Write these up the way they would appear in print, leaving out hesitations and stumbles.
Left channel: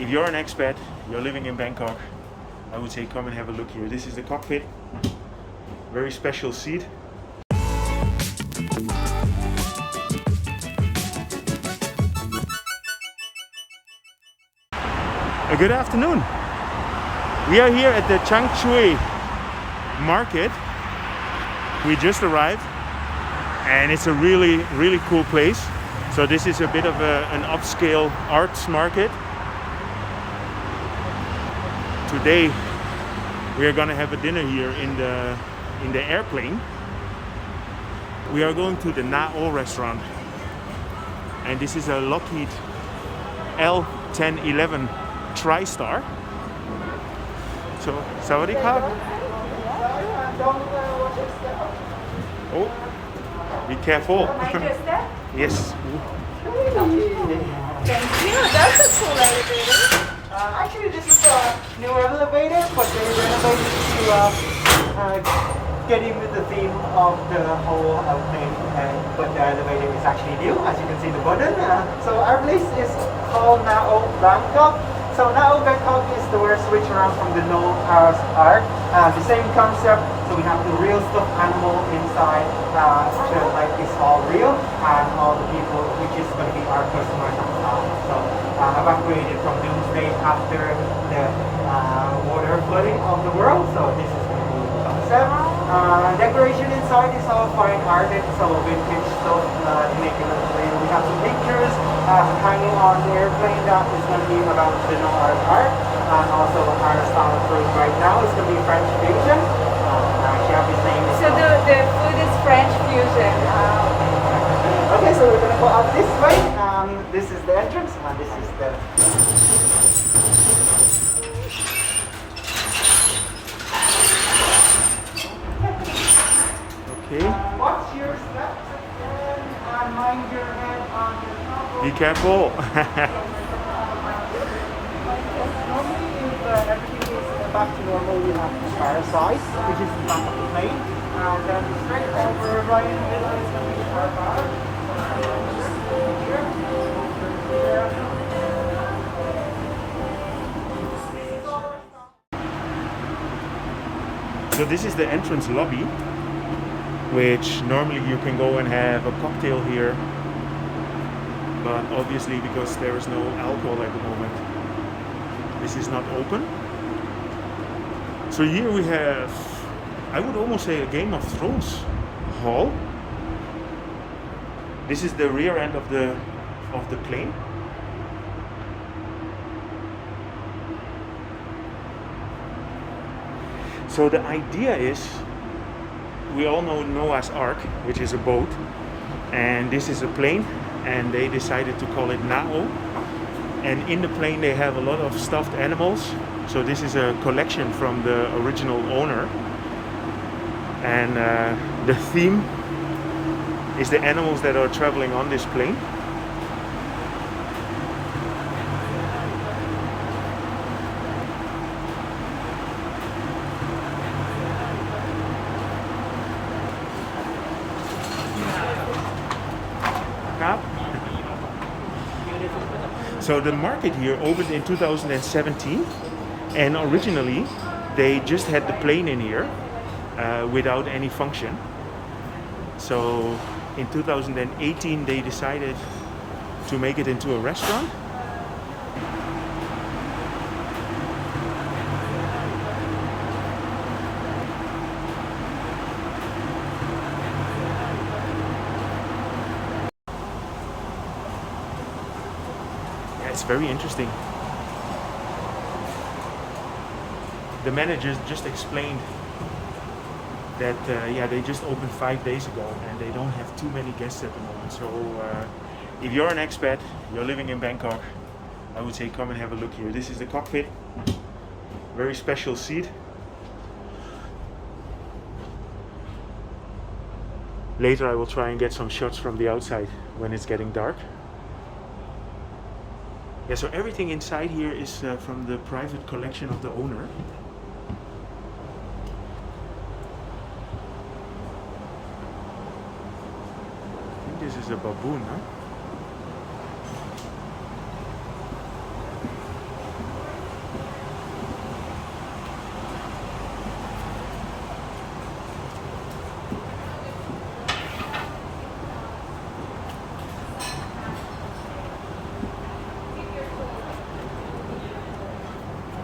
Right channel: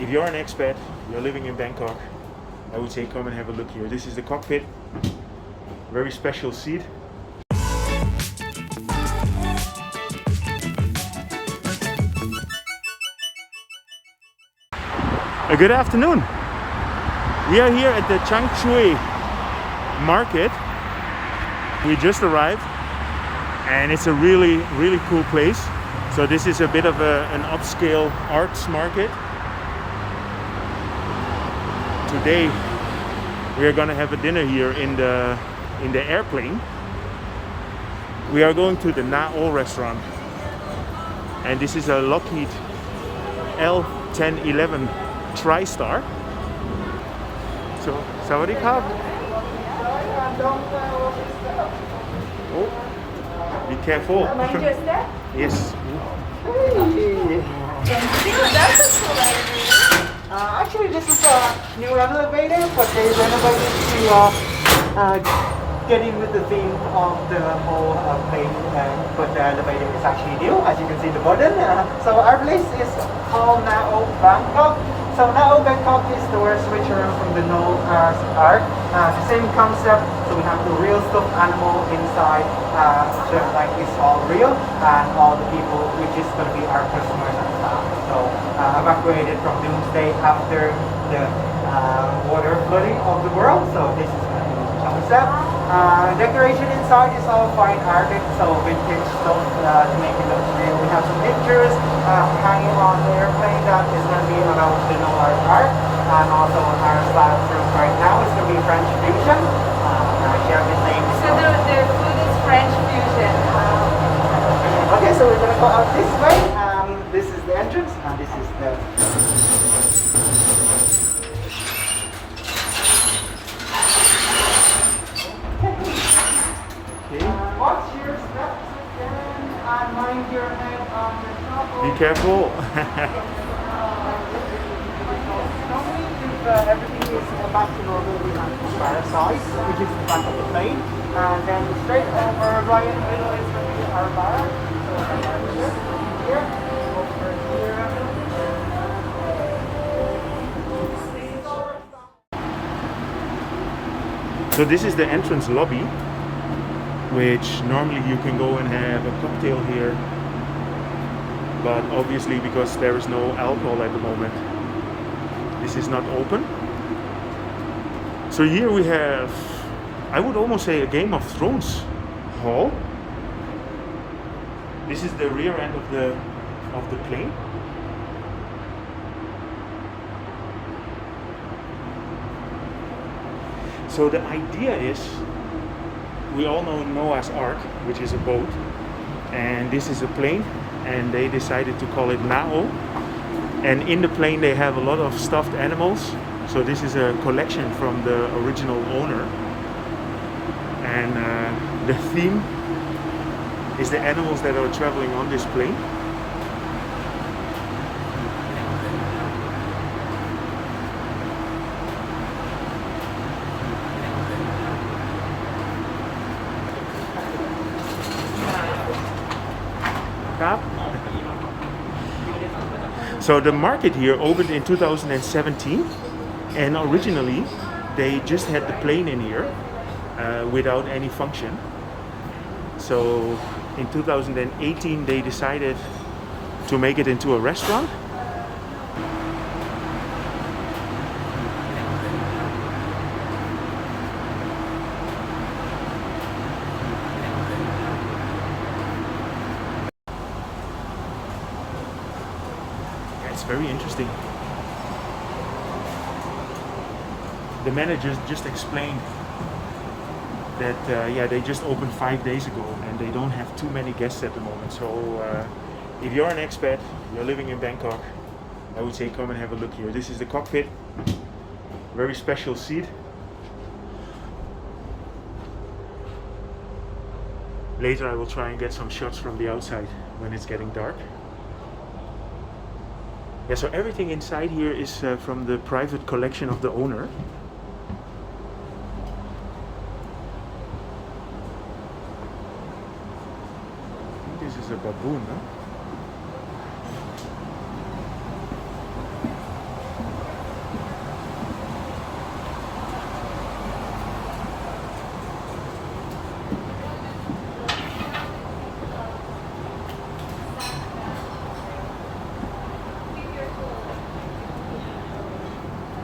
If you're an expat, you're living in Bangkok, I would say come and have a look here. This is the cockpit, very special seat. Good afternoon. We are here at the Chang Chui Market. We just arrived and it's a really cool place. So this is a bit of an upscale arts market. Today we are gonna have a dinner here in the airplane. We are going to the Na-O restaurant, and this is a Lockheed L-1011 TriStar. So, Sawadee Krap. Oh, be careful. Mind your step? Yes. Thank you. That's a cool idea. Actually, this is a new elevator, but they renovated to get in with the theme of the whole plane. But the elevator is actually new, as you can see the button. So our place is called Na-O Bangkok. So Na-O Bangkok is the word switch around from the Noah's Ark. The same concept. So we have the real stuffed animal inside, so like it's all real, and all the people, which is going to be our customers and staff. So evacuated from doomsday after the water flooding of the world. So this is going to be the concept. Decoration inside is all fine arted, so vintage stuff to make it look real. We have some pictures hanging on the airplane that is going to be about the Noah's Ark, and also our style fruit right now is going to be French fusion. She have the same. So the food is French fusion. Okay, so we're going to go out this way. This is the entrance, and this is the. Watch your steps and mind your head on the top. Be careful. Normally, if everything is back to normal, we have the parasite, which is the back of the plane. Then straight over, right in the middle is going to be our bar. So here, over here. So this is the entrance lobby, which normally you can go and have a cocktail here, but obviously because there is no alcohol at the moment, this is not open. So here we have, I would almost say, a Game of Thrones hall. This is the rear end of the plane. So the idea is, we all know Noah's Ark, which is a boat, and this is a plane, and they decided to call it Na-O. And in the plane they have a lot of stuffed animals. So this is a collection from the original owner, and the theme is the animals that are traveling on this plane. So the market here opened in 2017, and originally they just had the plane in here without any function. So in 2018 they decided to make it into a restaurant. It's very interesting. The manager just explained that yeah, they just opened 5 days ago and they don't have too many guests at the moment. So if you're an expat, you're living in Bangkok, I would say come and have a look here. This is the cockpit, very special seat. Later I will try and get some shots from the outside when it's getting dark. Yeah, so everything inside here is from the private collection of the owner. I think this is a baboon, huh?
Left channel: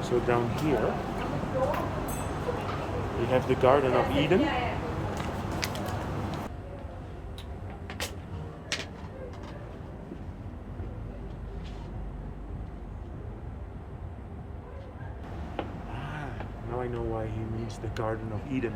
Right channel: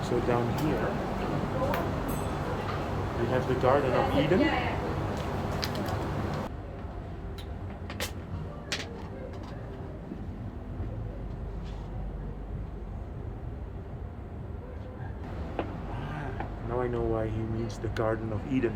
So down here we have the Garden of Eden. Now I know why he means the Garden of Eden.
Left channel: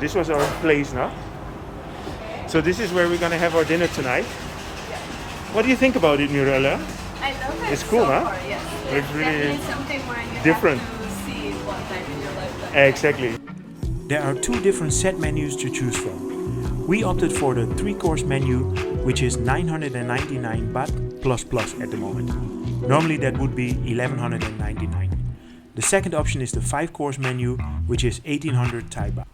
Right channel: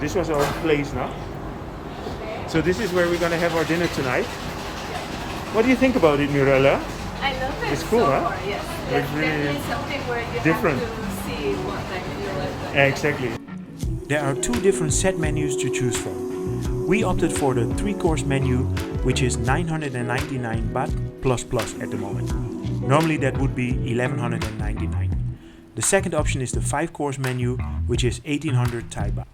This was our place now. So this is where we're gonna have our dinner tonight. What do you think about it, Mirella? I love it. It's cool, so huh? far, yes. Looks really It's something where you different. have to see what type you like. Exactly. There are two different set menus to choose from. We opted for the 3-course menu, which is 999 baht plus at the moment. Normally that would be 1199. The second option is the 5-course menu, which is 1800 Thai baht.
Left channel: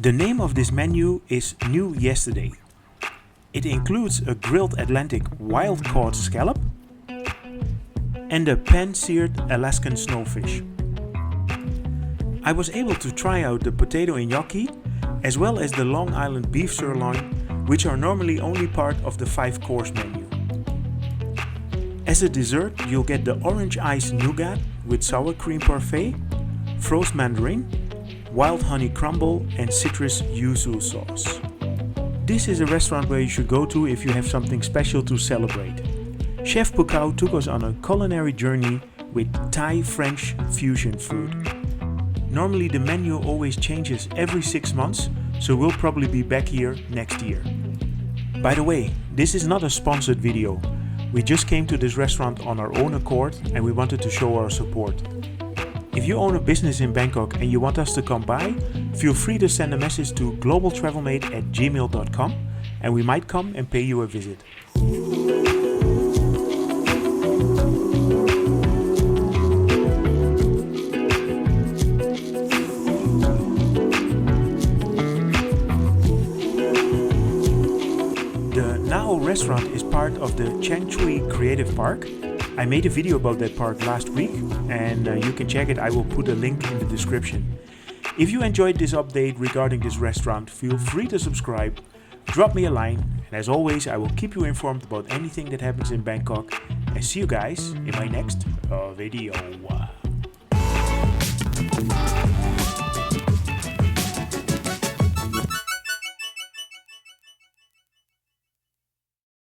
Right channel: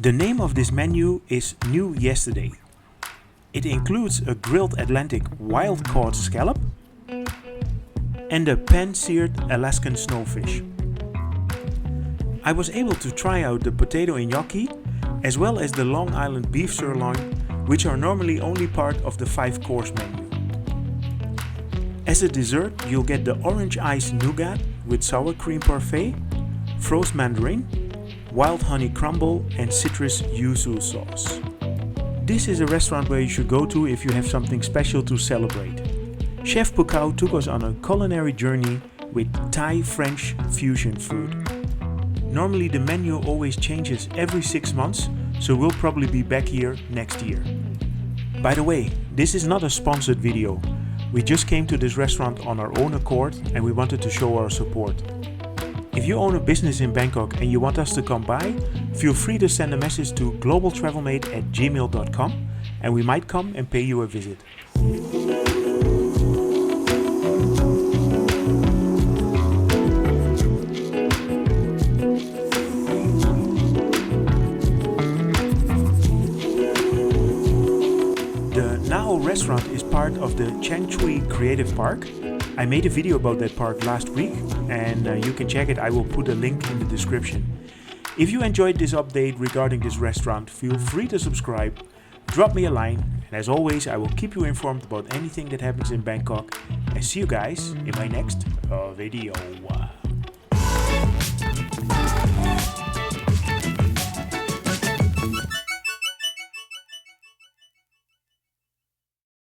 The name of this menu is New Yesterday. It includes a grilled Atlantic wild-caught scallop and a pan-seared Alaskan snowfish. I was able to try out the potato gnocchi as well as the Long Island beef sirloin, which are normally only part of the 5-course menu. As a dessert, you'll get the orange ice nougat with sour cream parfait, frozen mandarin, wild honey crumble and citrus yuzu sauce. This is a restaurant where you should go to if you have something special to celebrate. Chef Phukao took us on a culinary journey with Thai-French fusion food. Normally the menu always changes every 6 months, so we'll probably be back here next year. By the way, this is not a sponsored video. We just came to this restaurant on our own accord and we wanted to show our support. If you own a business in Bangkok and you want us to come by, feel free to send a message to globaltravelmate@gmail.com and we might come and pay you a visit. The Nao restaurant is part of the Chang Chui Creative Park. I made a video about that park last week and you can check it. I will put a link in the description. If you enjoyed this update regarding this restaurant, feel free to subscribe, drop me a line, and as always I will keep you informed about anything that happens in Bangkok, and see you guys in my next video.